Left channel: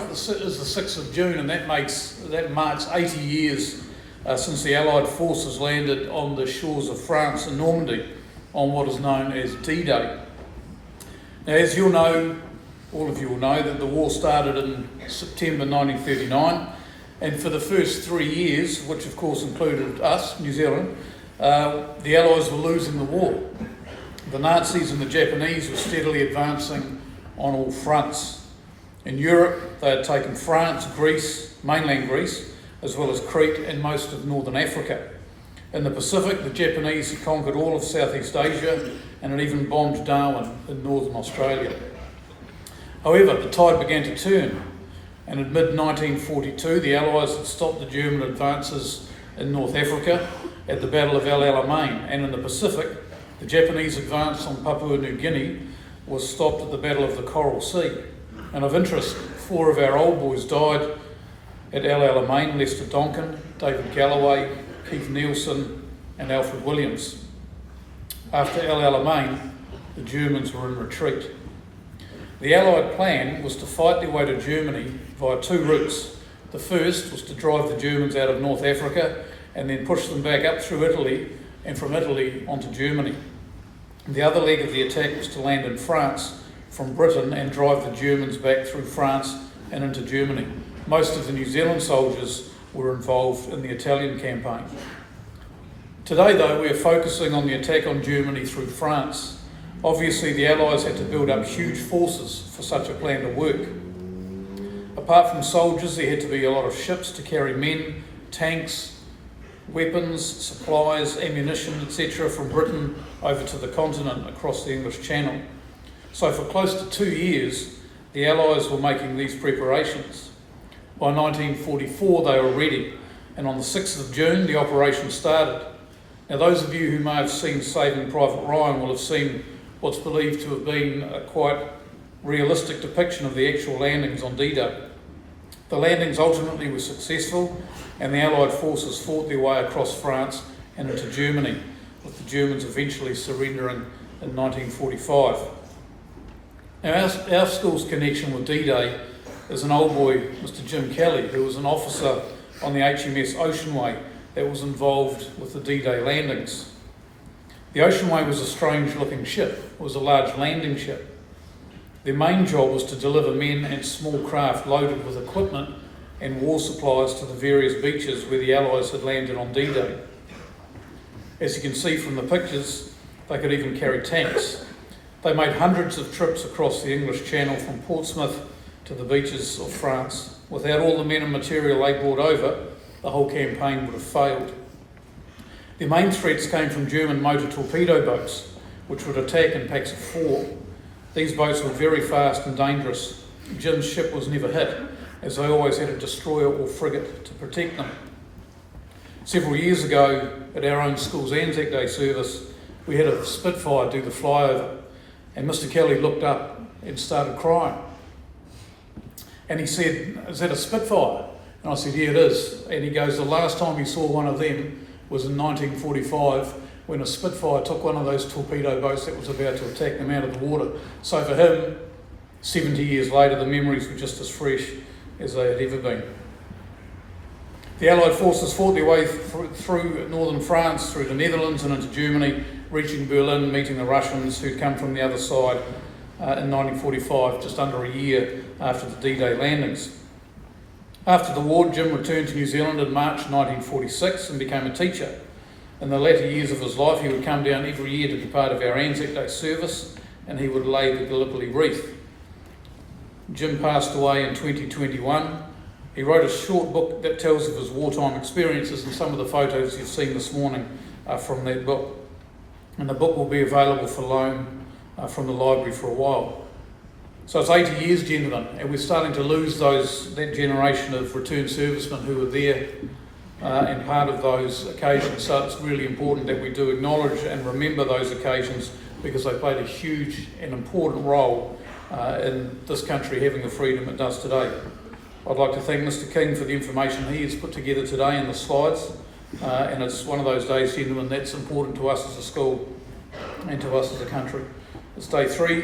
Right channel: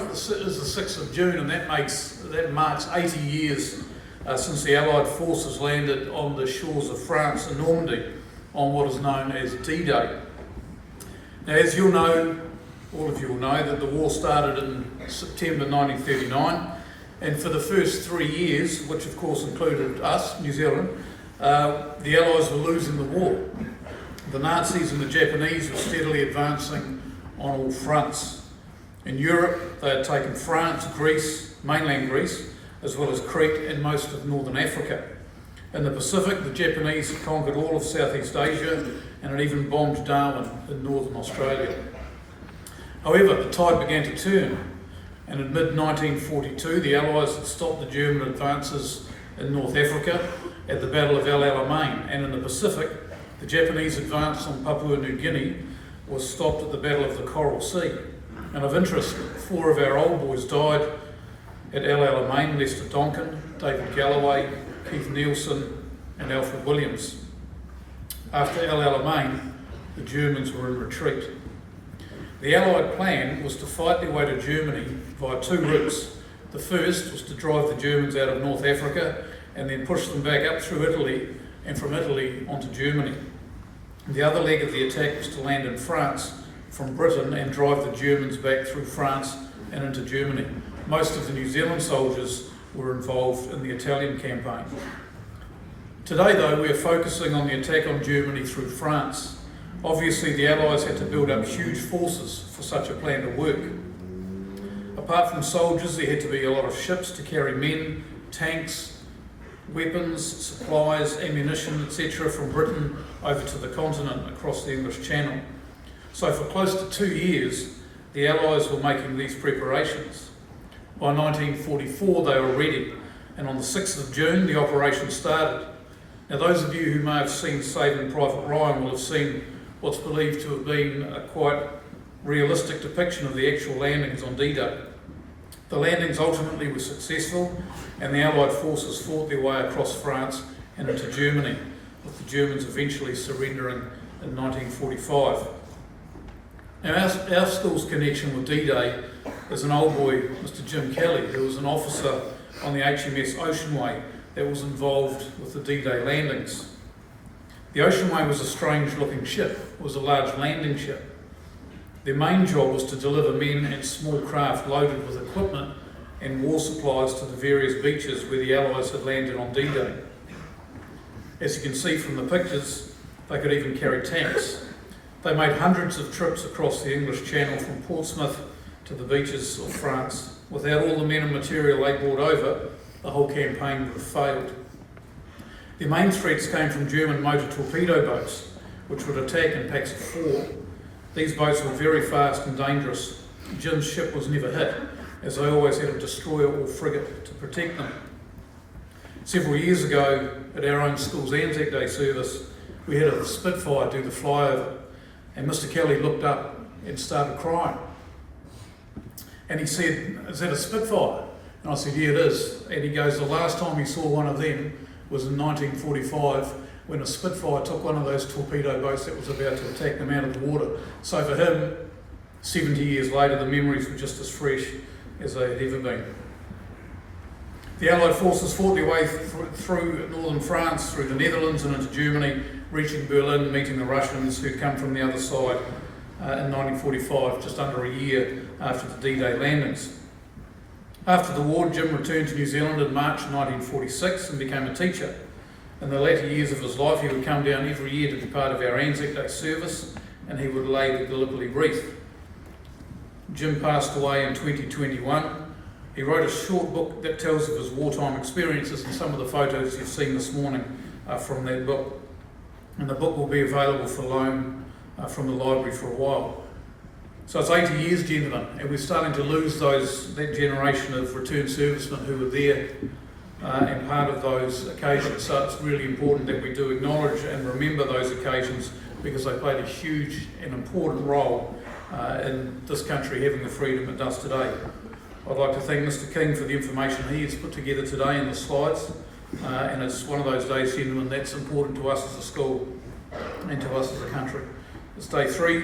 12th is the 6th of June, and that marks 80 years since the Allied forces landed on the shores of France in Normandy on what is known as D-Day. Now, as you'll know, all of you will know, that the war started in September 1939, and for the first 3 years, which of course included us, New Zealand, the Allies were losing the war. The Nazis and the Japanese were steadily advancing on all fronts. In Europe, they had taken France, Greece, mainland Greece, as well as Crete and most of northern Africa. In the Pacific, the Japanese had conquered all of Southeast Asia and had even bombed Darwin in northern Australia. However, the tide began to turn, and in mid-1942 the Allies had stopped the German advances in North Africa at the Battle of El Alamein, and in the Pacific, the Japanese advance on Papua New Guinea was stopped at the Battle of the Coral Sea. And of interest, 4 of our old boys died at El Alamein: Lester Donkin, David Galloway, Keith Nielsen and Alfred Williams. After El Alamein, the Germans were in retreat. The Allied plan was to fight their way to Germany via 2 routes. The first was to drive the Germans out of North Africa and then push them back up through Italy and from Italy onto Germany. The other leg of the attack was to land in France from Britain and drive the Germans back through France and into Germany. Most of the New Zealand soldiers were involved in the Italian campaign. Today, though, we are focusing on the attack on Germany through France. Obviously, the Allies had to build up huge forces for such a plan to work. Apart from soldiers, there had to be a lot of ships to carry men, tanks, weapons, supplies, ammunition, etc. from Britain over to the continent across the English Channel. So for close to 2 years, the Allies were making these preparations. By 1944, they were ready, and on the 6th of June, the operation started. Now, those of you who may have seen Saving Private Ryan will have seen what's believed to have been a quite realistic depiction of the actual landings on D-Day. The landings ultimately were successful, and the Allied forces fought their way across France and into Germany, with the Germans eventually surrendering in 1945. Now, our school's connection with D-Day is an old boy, Mr. Jim Kelly, who was an officer on the HMS Oceanway that was involved with the D-Day landings. The Oceanway was a strange-looking ship. It was a large landing ship. Their main job was to deliver men and small craft loaded with equipment and war supplies to the various beaches where the Allies had landed on D-Day. As you can see from the pictures, they could even carry tanks. They made hundreds of trips across the English Channel from Portsmouth to the beaches of France. Without all the men and material they brought over, the whole campaign would have failed. Their main threats came from German motor torpedo boats, which would attack in packs of 4. These boats were very fast and dangerous. Jim's ship was never hit, as they always had a destroyer or frigate to protect them. Several years ago, at our own school's Anzac Day service, we had a Spitfire do the flyover, and Mr. Kelly looked up and started crying. And he said, "Is that a Spitfire?" And I said, "Yeah, it is." And he goes, "The last time we saw one of them was in 1945, when a Spitfire took one of those torpedo boats that was about to attack them out of the water." So for him, 70 years later, the memories were just as fresh as they had ever been. The Allied forces fought their way through northern France, through the Netherlands and into Germany, reaching Berlin, meeting the Russians who'd come from the other side in 1945, just under a year after the D-Day landings. After the war, Jim returned to New Zealand in March 1946 and became a teacher. In the latter years of his life, he would come down every year to be part of our Anzac Day service, and he would lay the Gallipoli wreath. Jim passed away in 2021. He wrote a short book that tells of his wartime experiences, and some of the photos you've seen this morning are from that book. And the book will be available for loan from the library for a while. So it's 80 years, gentlemen, and we're starting to lose that generation of returned servicemen who were there and part of those occasions. So it's really important that we do acknowledge and remember those occasions, because they played a huge and important role in this country having the freedom it does today. I'd like to thank Mr. King for the information he has put together today in the slides, and it's one of those days, gentlemen, that's important to us as a school and to us as a country. It's day 3